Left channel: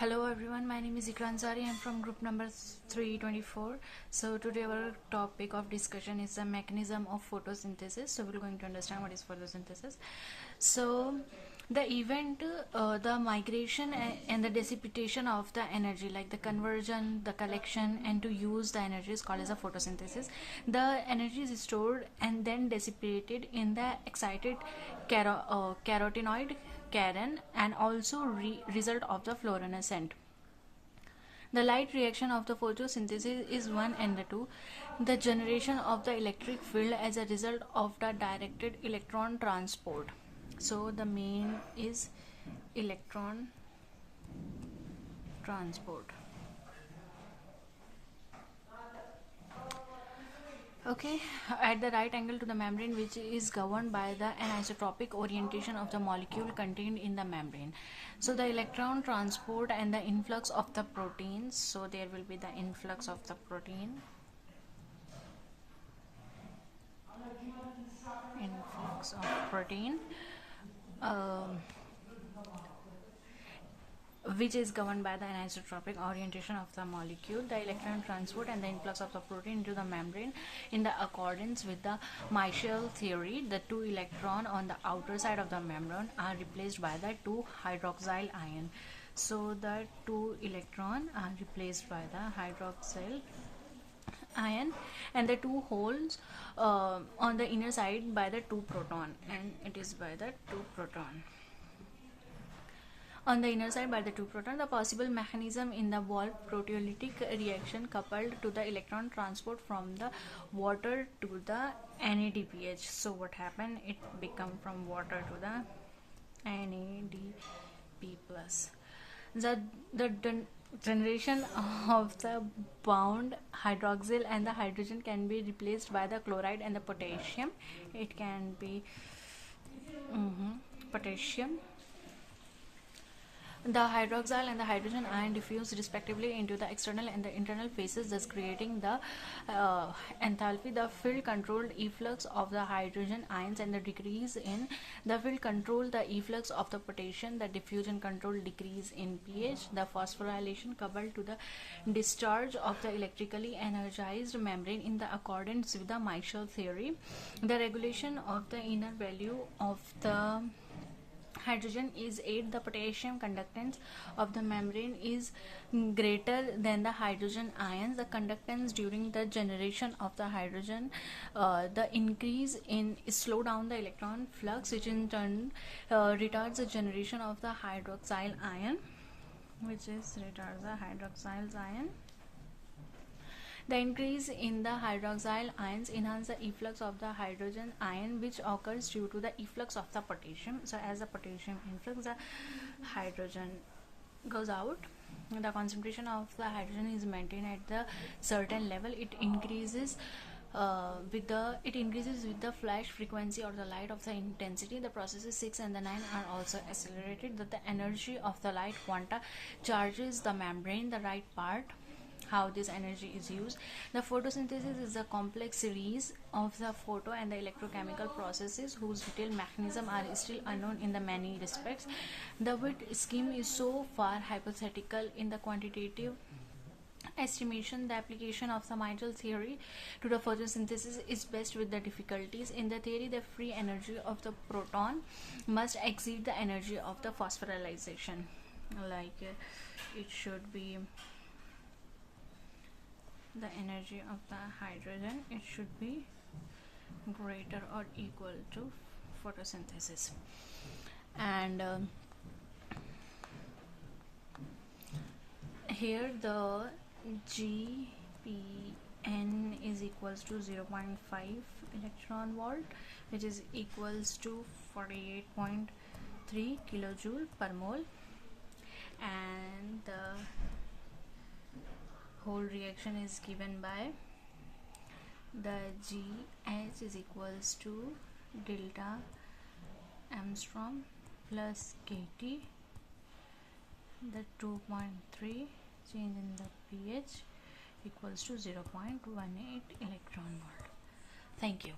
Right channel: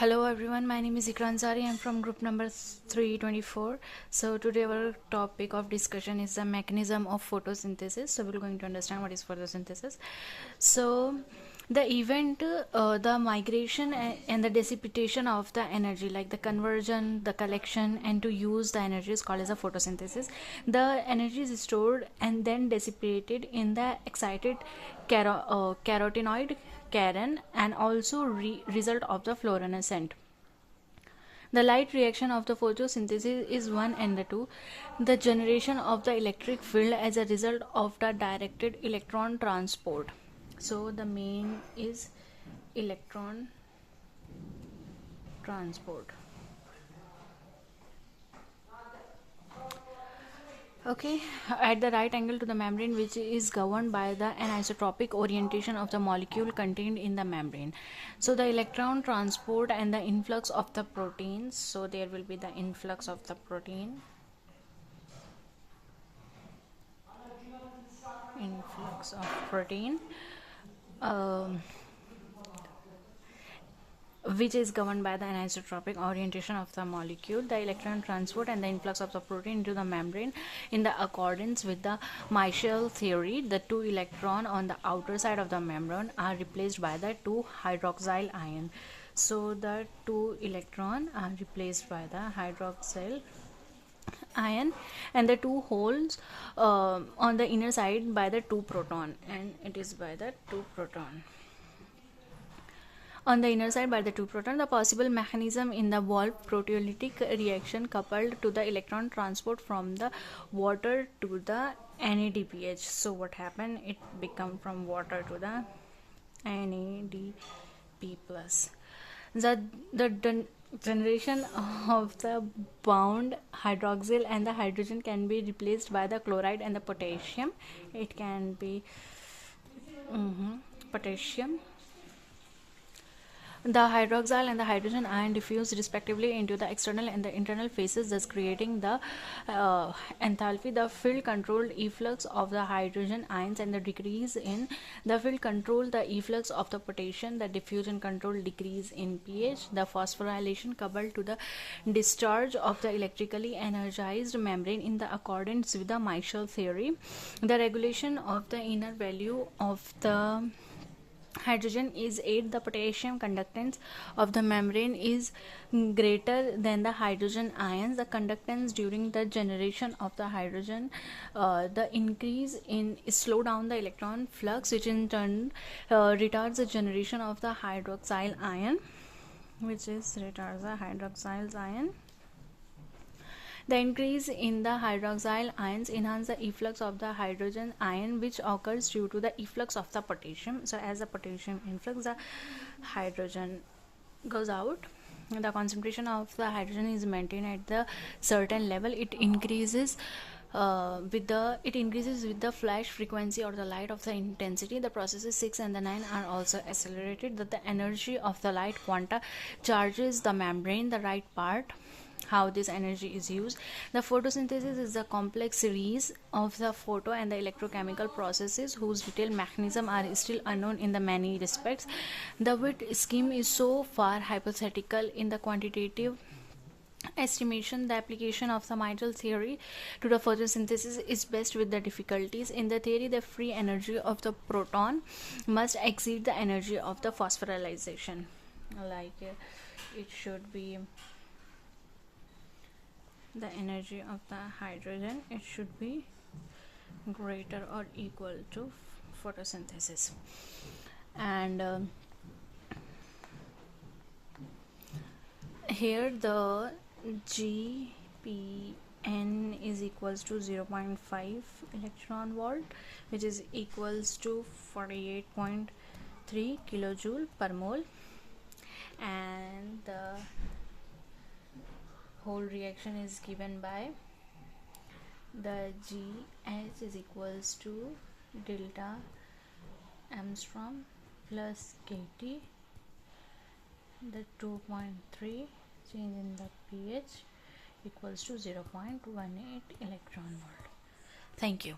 Hello everyone, my name is Ikra Ansari. I'm from group number 324. So today our topic of discussion is the mechanism of photosynthesis. So we're going to understand what is photosynthesis. So the event, the migration and the dissipation of the energy, like the conversion, the collection and to use the energy is called as a photosynthesis. The energy is stored and then dissipated in the excited carotenoid Karen and also result of the fluorescent. The light reaction of the photosynthesis is 1 and the 2. The generation of the electric field as a result of the directed electron transport. So the main is electron transport. Okay, at the right angle to the membrane, which is governed by the anisotropic orientation of the molecule contained in the membrane. So the electron transport and the influx of the proteins. So there will be the influx of the protein, influx of protein. Which is governed by the anisotropic orientation of the molecule, the electron transport and the influx of the protein into the membrane in the accordance with the Michel theory. The two electrons on the outer side of the membrane are replaced by the two hydroxyl ion. So the two electrons are replaced by the hydroxyl ion and the two holes on the inner side by the two proton, and it is by the two proton on the inner side by the two proton. The possible mechanism in the Wolff proteolytic reaction coupled to the electron transport from the water to the NADPH. So what happened? It become from water to the NADP plus. The generation of the bound hydroxyl and the hydrogen can be replaced by the chloride and the potassium. It can be potassium. The hydroxyl and the hydrogen ion diffuse respectively into the external and the internal phases, thus creating the enthalpy. The field controlled efflux of the hydrogen ions and the decrease in the field control the efflux of the potassium. The diffusion control decrease in pH. The phosphorylation coupled to the discharge of the electrically energized membrane in the accordance with the Michel theory. The regulation of the inner value of the hydrogen is 8. The potassium conductance of the membrane is greater than the hydrogen ions. The conductance during the generation of the hydrogen, the increase in slow down the electron flux, which in turn retards the generation of the hydroxyl ion, which is retards the hydroxyl ion. The increase in the hydroxyl ions enhance the efflux of the hydrogen ion, which occurs due to the efflux of the potassium. So as the potassium influx, the hydrogen goes out. The concentration of the hydrogen is maintained at the certain level. It increases with the flash frequency or the light of the intensity. The processes 6 and the 9 are also accelerated. That the energy of the light quanta charges the membrane, the right part. How this energy is used. The photosynthesis is a complex series of the photo and the electrochemical processes whose detailed mechanism are still unknown in the many respects. The Witt scheme is so far hypothetical in the quantitative estimation. The application of the Michel theory to the photosynthesis is best with the difficulties. In the theory, the free energy of the proton must exceed the energy of the phosphorylation, like it should be the energy of the hydrogen, it should be greater or equal to photosynthesis. And here the GPN is equals to 0.5 electron volt, which is equals to 48.3 kilojoule per mole, and the whole reaction is given by the GH is equals to delta Armstrong plus KT, the 2.3 change in the pH equals to 0.18 electron volt. Thank you.